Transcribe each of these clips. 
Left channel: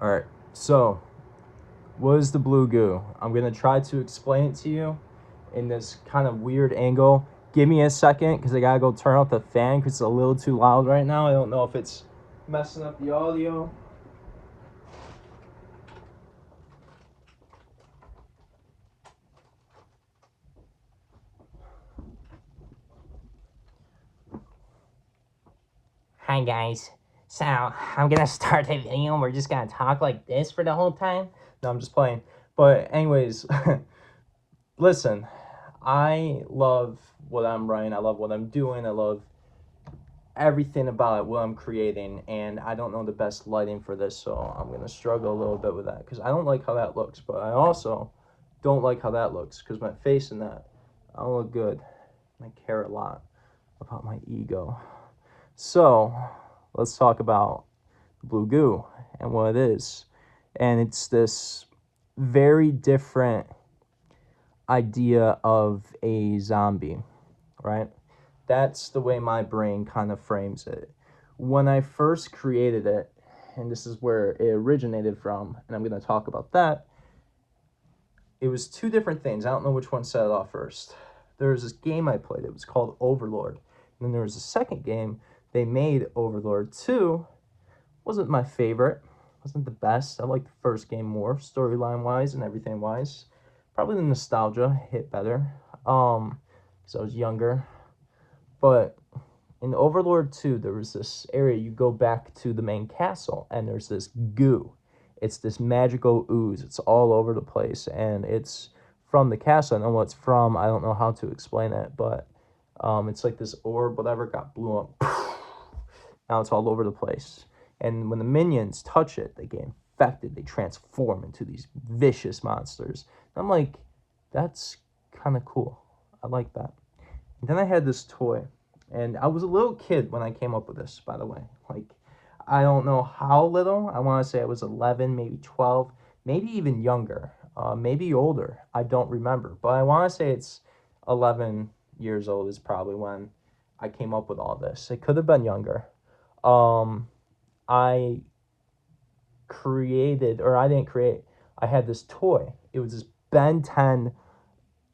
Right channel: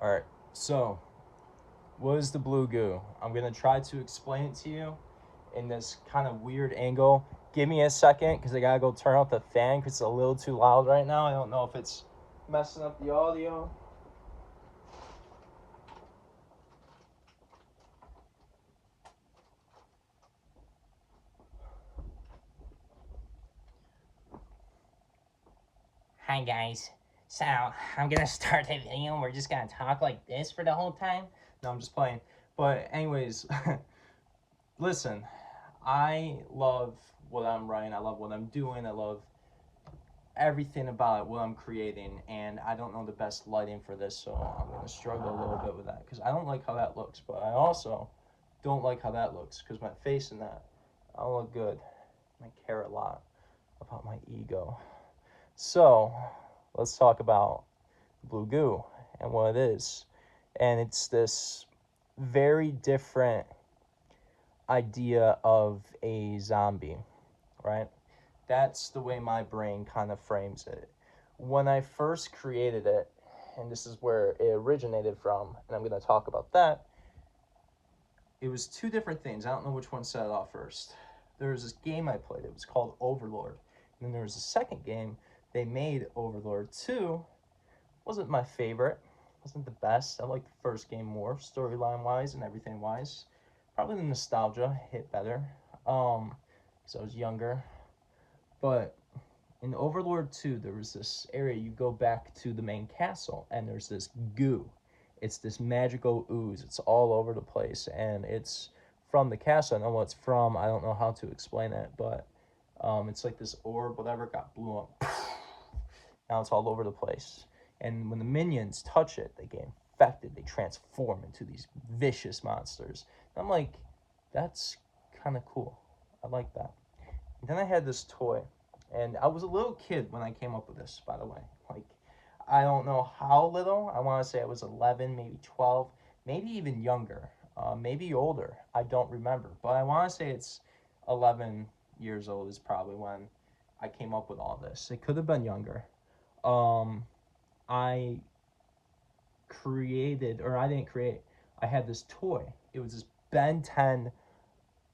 All right, so what is the blue goo? I'm gonna try to explain it to you in this kind of weird angle. Give me a second because I gotta go turn off the fan because it's a little too loud right now. I don't know if it's messing up the audio. Hi guys. So I'm gonna start the video and we're just gonna talk like this for the whole time. No, I'm just playing. But anyways, listen, I love what I'm writing. I love what I'm doing. I love everything about it, what I'm creating, and I don't know the best lighting for this, so I'm gonna struggle a little bit with that because I don't like how that looks, but I also don't like how that looks because my face in that, I don't look good. I care a lot about my ego. So let's talk about Bleu Goo and what it is. And it's this very different idea of a zombie, right? That's the way my brain kind of frames it. When I first created it, and this is where it originated from, and I'm going to talk about that, it was two different things. I don't know which one set it off first. There was this game I played, it was called Overlord. And then there was a second game they made, Overlord 2. Wasn't my favorite, wasn't the best. I liked the first game more, storyline wise and everything wise. Probably the nostalgia hit better, because I was younger. But in Overlord 2, there was this area you go back to the main castle, and there's this goo. It's this magical ooze. It's all over the place, and it's from the castle. I know what it's from. I don't know how to explain it, but it's like this orb, whatever, got blew up. Now it's all over the place. And when the minions touch it, they get infected. They transform into these vicious monsters. And I'm like, that's kind of cool. I like that. And then I had this toy, and I was a little kid when I came up with this, by the way. Like, I don't know how little. I want to say I was 11, maybe 12, maybe even younger, maybe older. I don't remember. But I want to say it's 11 years old is probably when I came up with all this. It could have been younger. Um, I created, or I didn't create, I had this toy. It was this Ben 10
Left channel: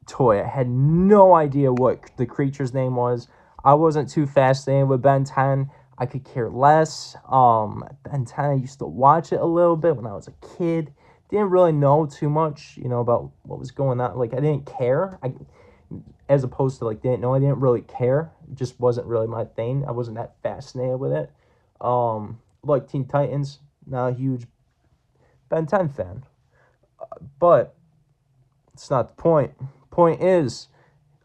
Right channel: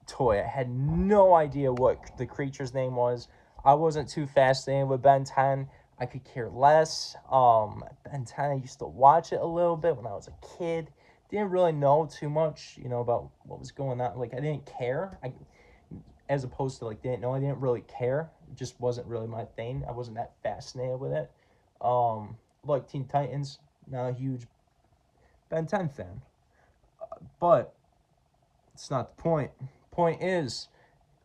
toy. I had no idea what the creature's name was. I wasn't too fascinated with Ben 10. I could care less. Ben 10, I used to watch it a little bit when I was a kid. Didn't really know too much, about what was going on. Like, I didn't care. As opposed to, like, didn't know. I didn't really care. It just wasn't really my thing. I wasn't that fascinated with it. Like Teen Titans, not a huge Ben 10 fan. But it's not the point. Point is,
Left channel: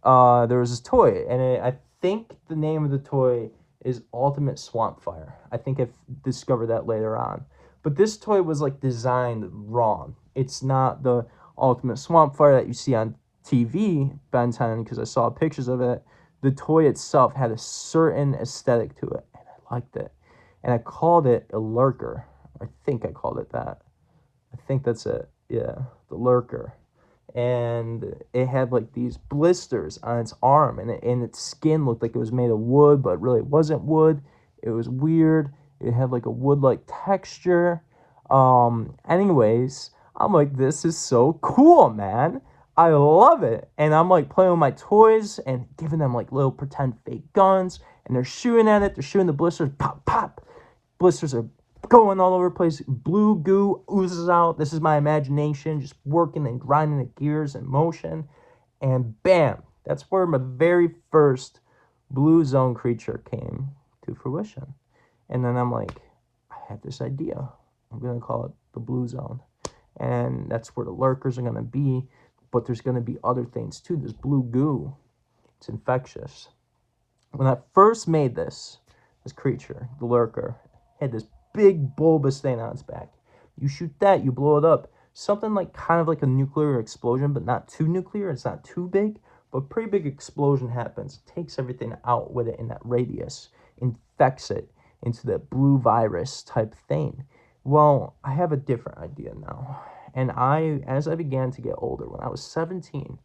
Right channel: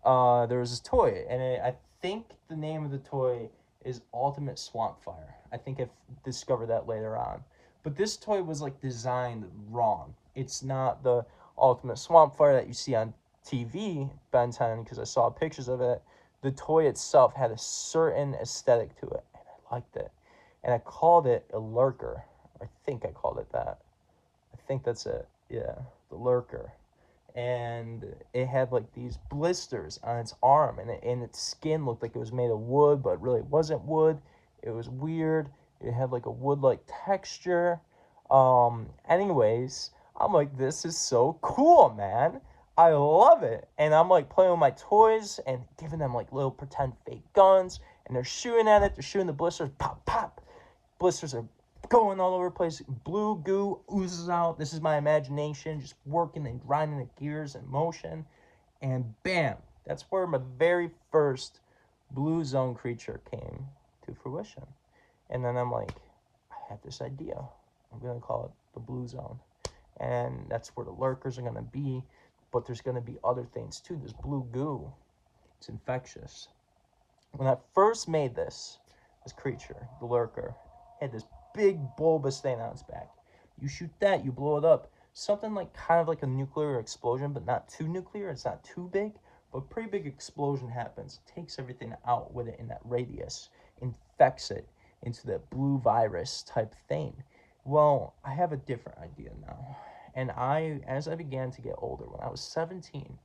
there was this toy, and I think the name of the toy is Ultimate Swamp Fire. I think I've discovered that later on. But this toy was like designed wrong. It's not the Ultimate Swamp Fire that you see on TV, Ben 10, because I saw pictures of it. The toy itself had a certain aesthetic to it, and I liked it. And I called it a lurker. I think I called it that. I think that's it. Yeah, the lurker. And it had like these blisters on its arm, and its skin looked like it was made of wood, but really it wasn't wood. It was weird. It had like a wood-like texture. Anyways, I'm like, this is so cool, man. I love it. And I'm like playing with my toys and giving them like little pretend fake guns, and they're shooting at it. They're shooting the blisters. Pop, pop. Blisters are going all over the place. Blue goo oozes out. This is my imagination just working and grinding the gears in motion. And bam, that's where my very first blue zone creature came to fruition. And then I'm like, I have this idea. I'm going to call it the blue zone. And that's where the lurkers are going to be. But there's going to be other things too. This blue goo, it's infectious. When I first made this creature, the lurker, had this big bulbous thing on its back. You shoot that, you blow it up. Something like kind of like a nuclear explosion, but not too nuclear. It's not too big, but pretty big explosion happens. Takes everything out with it in that radius, infects it into that blue virus type thing. Well, I have a different idea now. And as I began to get older, when I was 17,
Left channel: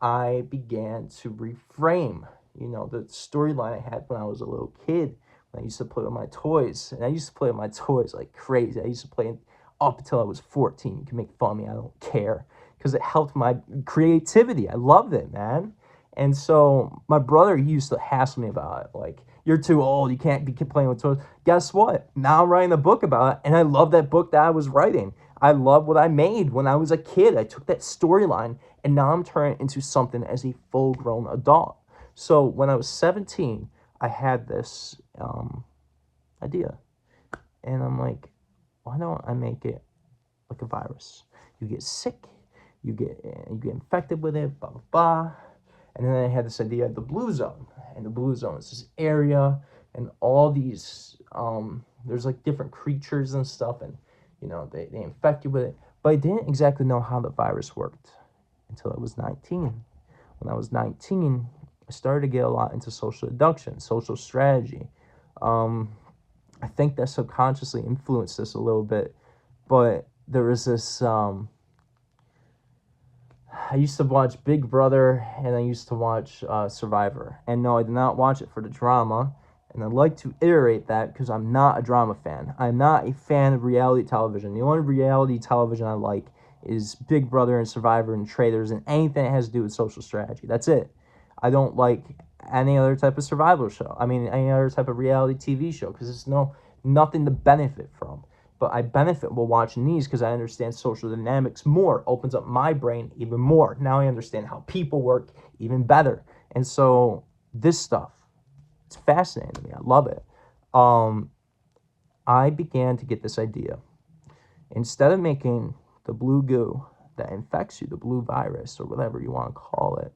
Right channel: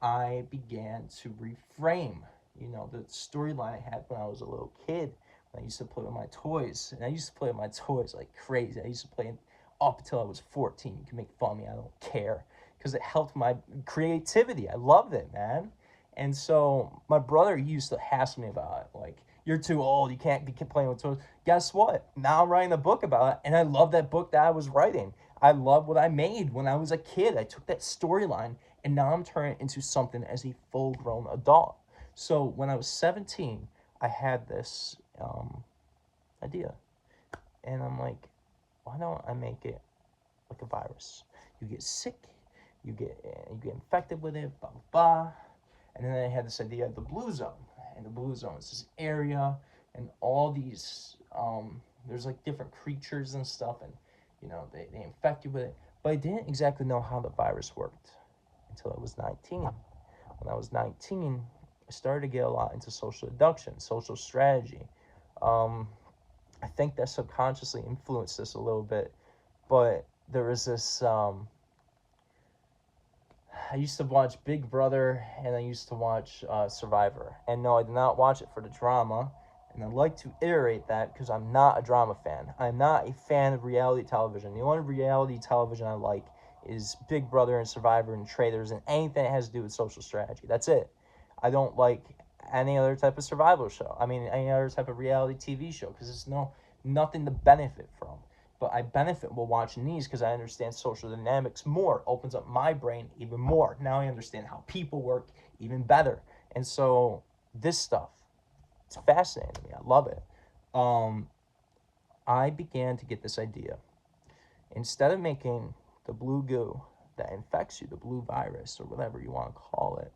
I began to reframe, the storyline I had when I was a little kid. I used to play with my toys, and I used to play with my toys like crazy. I used to play up until I was 14. You can make fun of me, I don't care, because it helped my creativity. I loved it, man. And so my brother, he used to hassle me about it, like, you're too old, you can't be playing with toys. Guess what? Now I'm writing a book about it, and I love that book that I was writing. I love what I made when I was a kid. I took that storyline, and now I'm turning it into something as a full-grown adult. So when I was 17, I had this idea, and I'm like, why don't I make it like a virus? You get sick, you get infected with it, blah blah blah. And then I had this idea of the blue zone, and the blue zone is this area, and all these there's like different creatures and stuff, and they infect you with it. But I didn't exactly know how the virus worked until I was 19. When I was 19, I started to get a lot into social deduction, social strategy. Um, I think that subconsciously influenced this a little bit, but there was this. I used to watch Big Brother, and I used to watch Survivor. And no, I did not watch it for the drama. And I'd like to iterate that because I'm not a drama fan. I'm not a fan of reality television. The only reality television I like is Big Brother and Survivor and Traitors and anything that has to do with social strategy. That's it. I don't like any other type of survival show. I mean, any other type of reality TV show because it's nothing to benefit from. But I benefit while watching these because I understand social dynamics more, opens up my brain even more. Now I understand how people work even better. And so this stuff, it's fascinating to me. I love it. I began to get this idea. Instead of making the blue goo that infects you, the blue virus, or whatever you want to call it,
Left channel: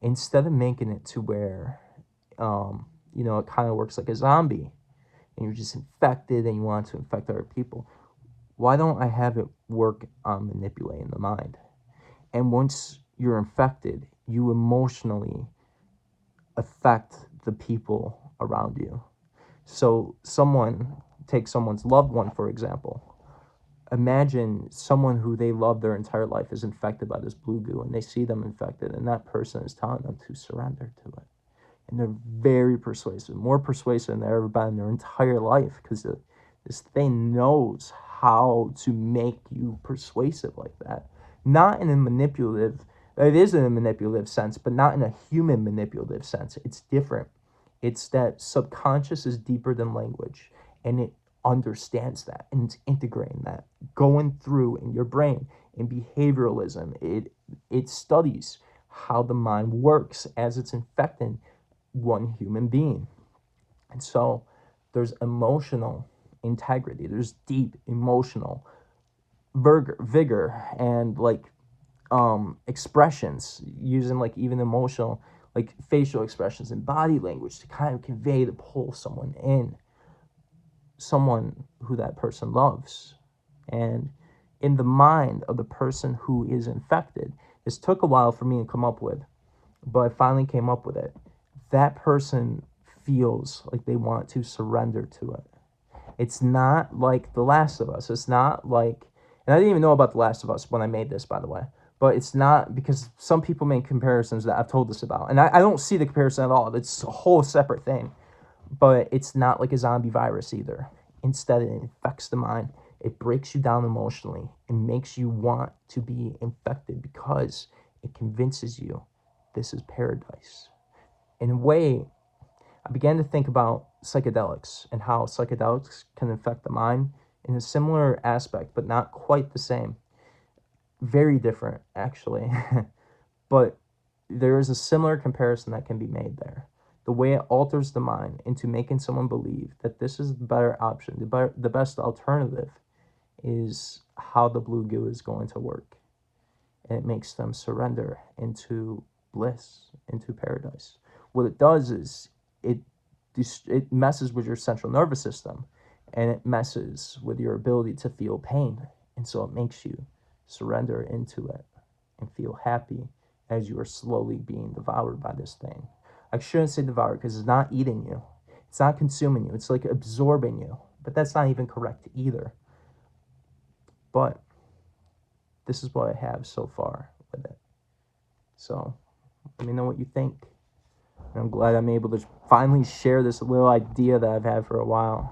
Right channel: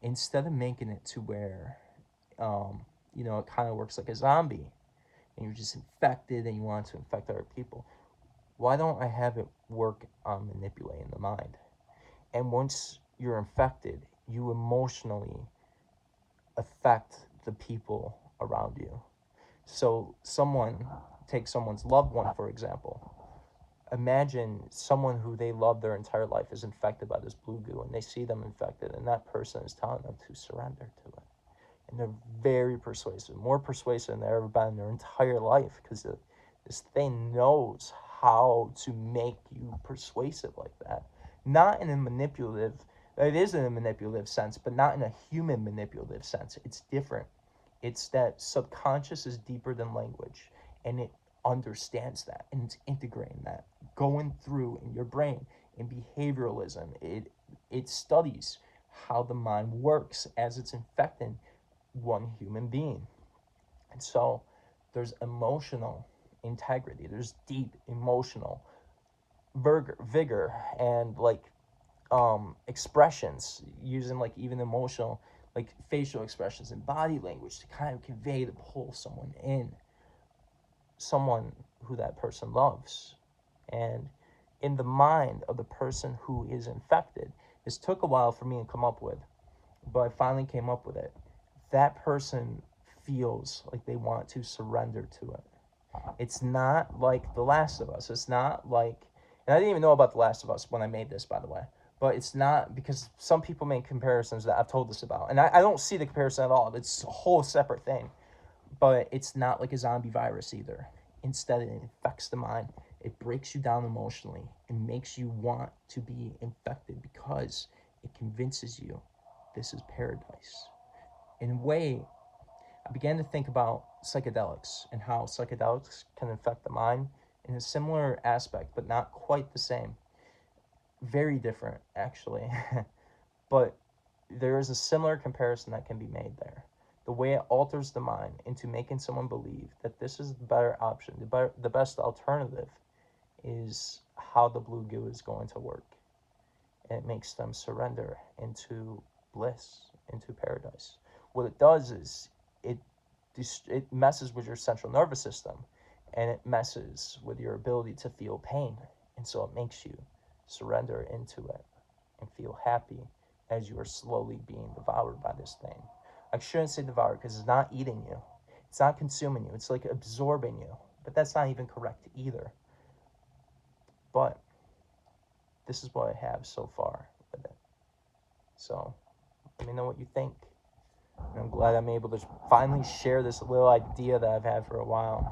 instead of making it to where, it kind of works like a zombie, and you're just infected and you want to infect other people, why don't I have it work on manipulating the mind? And once you're infected, you emotionally affect the people around you. So take someone's loved one, for example. Imagine someone who they love their entire life is infected by this blue goo, and they see them infected, and that person is telling them to surrender to it. And they're very persuasive, more persuasive than they've ever been in their entire life, because this thing knows how to make you persuasive like that. Not in a manipulative, it is in a manipulative sense, but not in a human manipulative sense. It's different. It's that subconscious is deeper than language, and it understands that, and it's integrating that, going through in your brain. In behavioralism, it studies how the mind works as it's infecting one human being. And so there's emotional integrity, there's deep emotional vigor and like expressions, using like even emotional, like facial expressions and body language to kind of convey to pull someone in, someone who that person loves. And in the mind of the person who is infected, this took a while for me to come up with, but I finally came up with it. That person feels like they want to surrender to it. It's not like The Last of Us. It's not like, and I didn't even know about The Last of Us when I made this, by the way. But it's not, because some people make comparisons that I've told this about. And I don't see the comparison at all. It's a whole separate thing. But it's not like a zombie virus either. Instead, it infects the mind. It breaks you down emotionally and makes you want to be infected because it convinces you this is paradise. In a way, I began to think about psychedelics and how psychedelics can affect the mind in a similar aspect, but not quite the same. Very different, actually. But there is a similar comparison that can be made there. The way it alters the mind into making someone believe that this is the better option, the best alternative, is how the blue goo is going to work. And it makes them surrender into bliss, into paradise. What it does is it messes with your central nervous system, and it messes with your ability to feel pain. And so it makes you surrender into it and feel happy as you are slowly being devoured by this thing. I shouldn't say devoured because it's not eating you. It's not consuming you. It's like absorbing you. But that's not even correct either. But this is what I have so far with it. So let me know what you think. I'm glad I'm able to finally share this little idea that I've had for a while.